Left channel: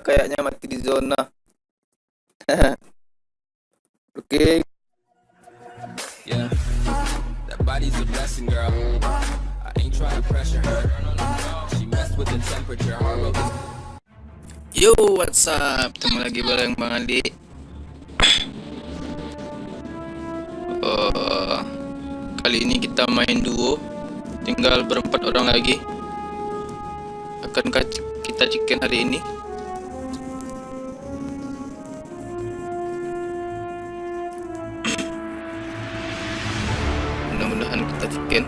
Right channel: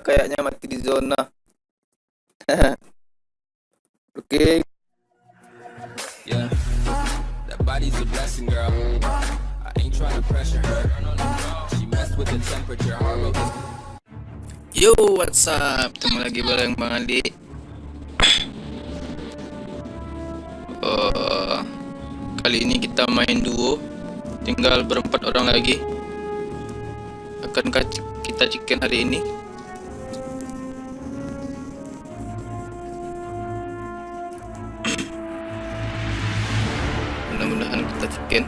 Kayaknya mati di zona. Oke. Yeah, that body's a blessing, girl. I ain't trying to pressure her. She messed with the temperature. Yo, what's up? Ketemu lagi bareng Bang Andi. Kali ini kita main duo. Tinggal berempat orang lagi. Akankah kita chicken hari ini? Mudah-mudahan kita chicken.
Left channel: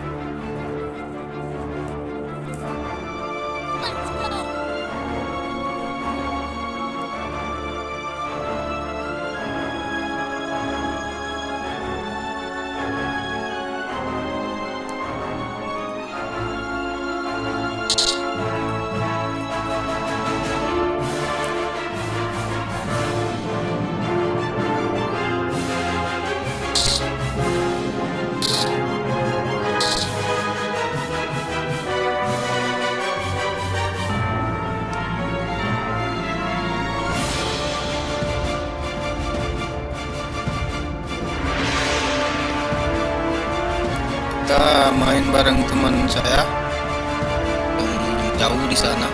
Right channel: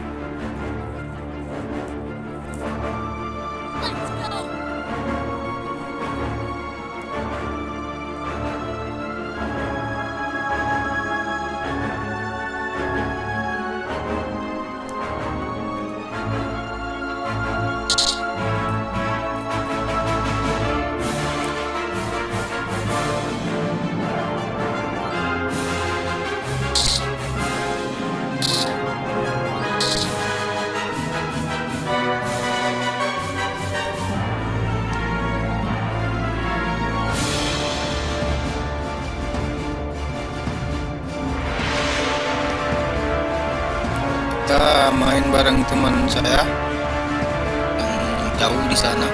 Kita main bareng teman saya yang jauh di sana.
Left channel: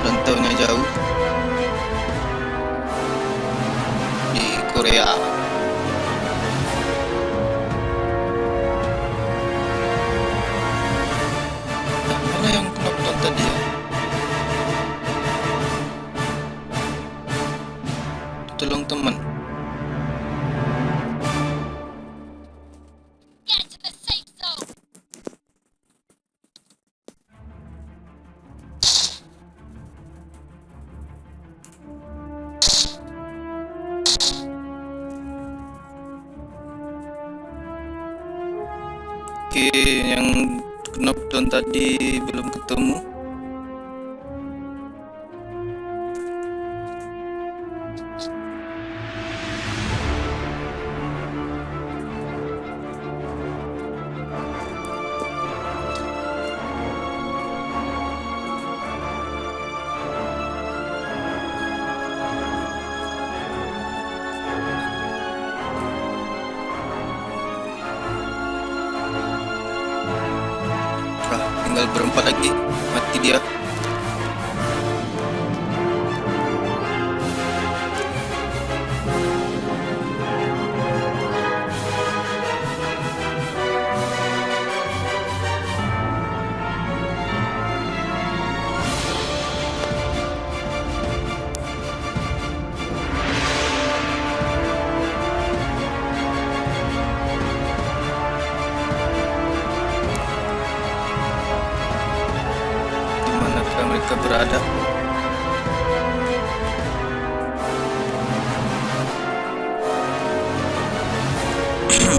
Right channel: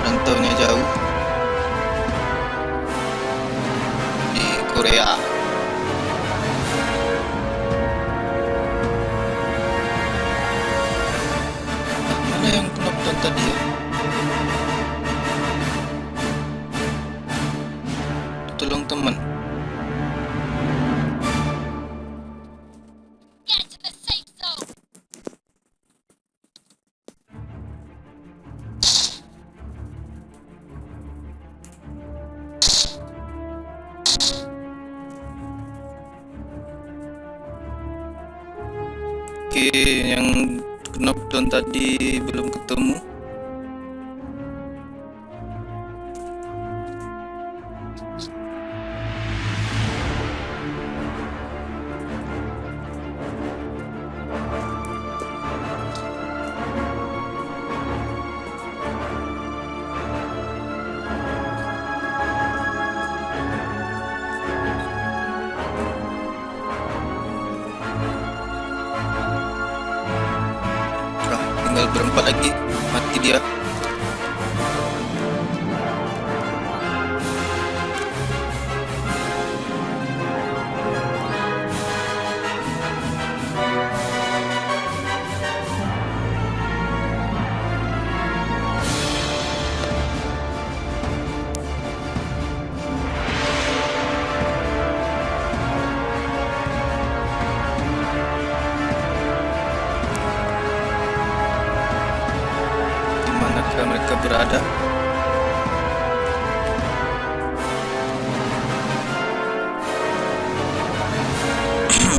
Rantaunya jauh di Korea. Mana yang penonton tadi ya? Tolong teman. Oke, yang knockdown tadi belum ketemu. Tinggal berempat lagi, mati dia. Dimanakah mereka berada?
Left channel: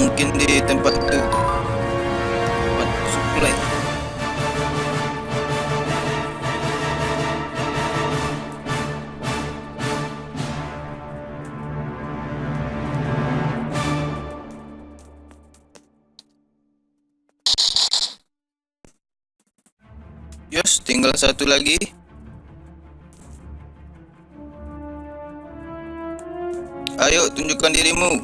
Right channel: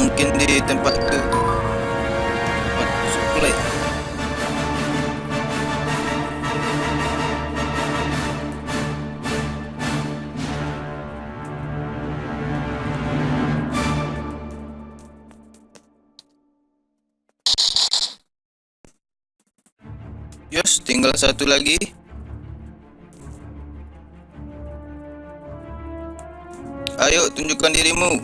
Mungkin di tempat itu, tempat supply. Yes, tinggal satu lagi. Ayo, tunjukkan dirimu.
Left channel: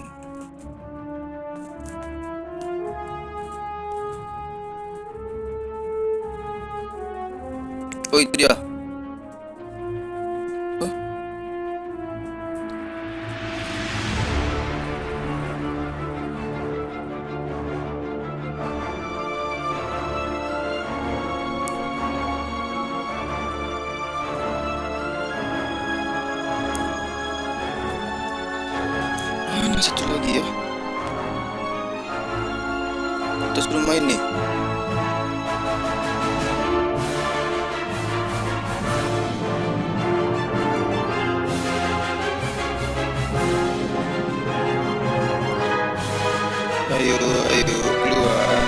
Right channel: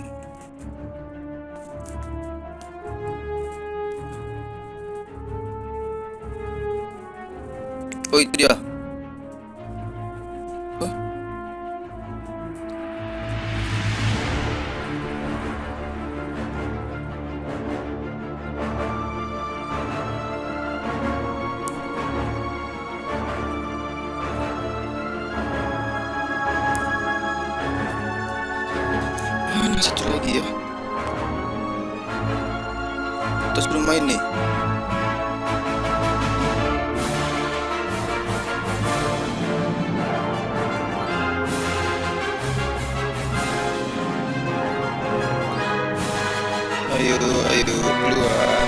Oh, itu dia. Oh. Mana satu lagi ya? Terus bermain nih. Ayo, ayo keluar.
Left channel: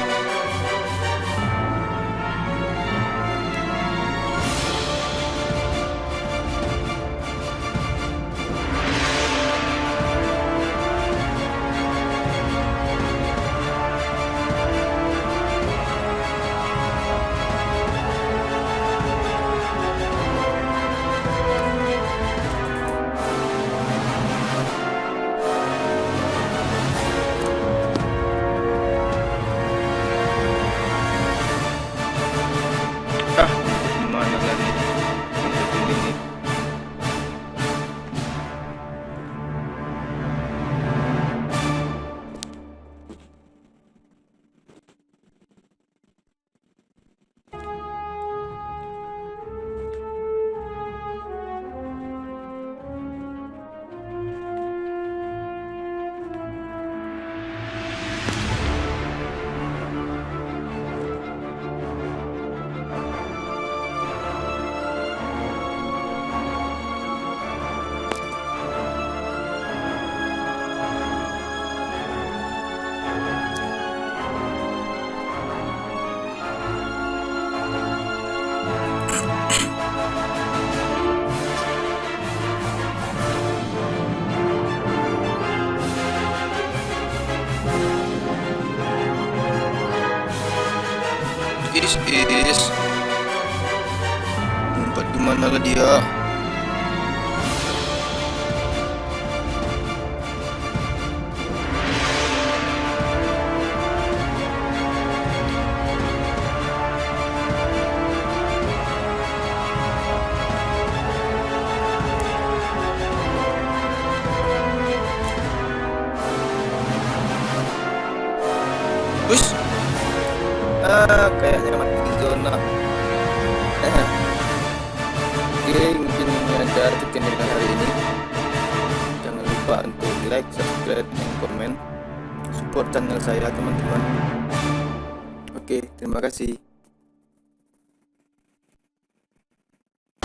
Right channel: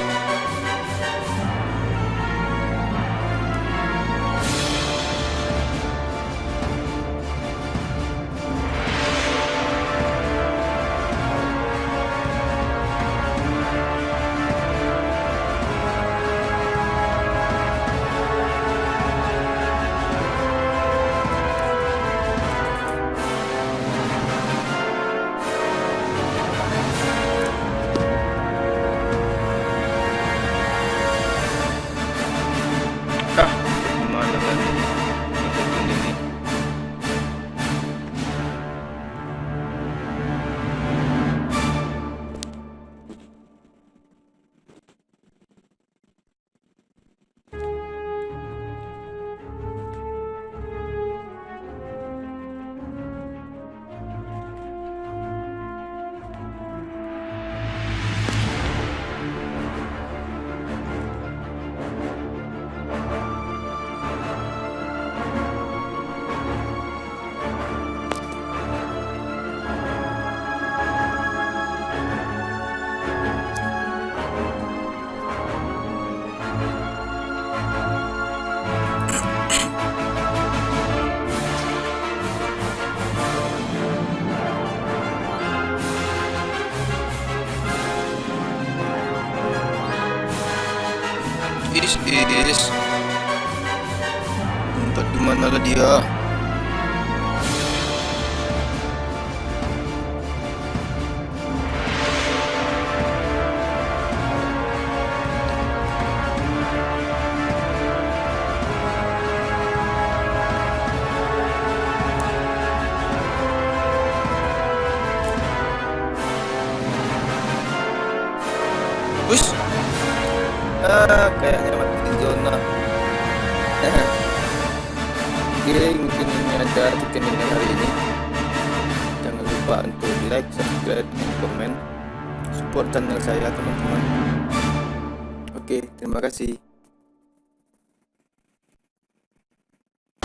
This is tempat dimana lah dia? Push. Kayaknya mati di zona. Oke, mungkin ini ada tutorial hari ini. Jangan lupa untuk like, subscribe, dan komen. Support channel saya, teman-teman. Oke, terima kasih.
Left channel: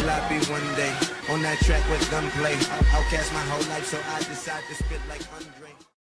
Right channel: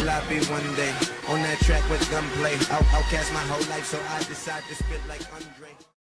I'll be one day on that track with gunplay. I'll cast my whole life, so I decide to spit like Andre.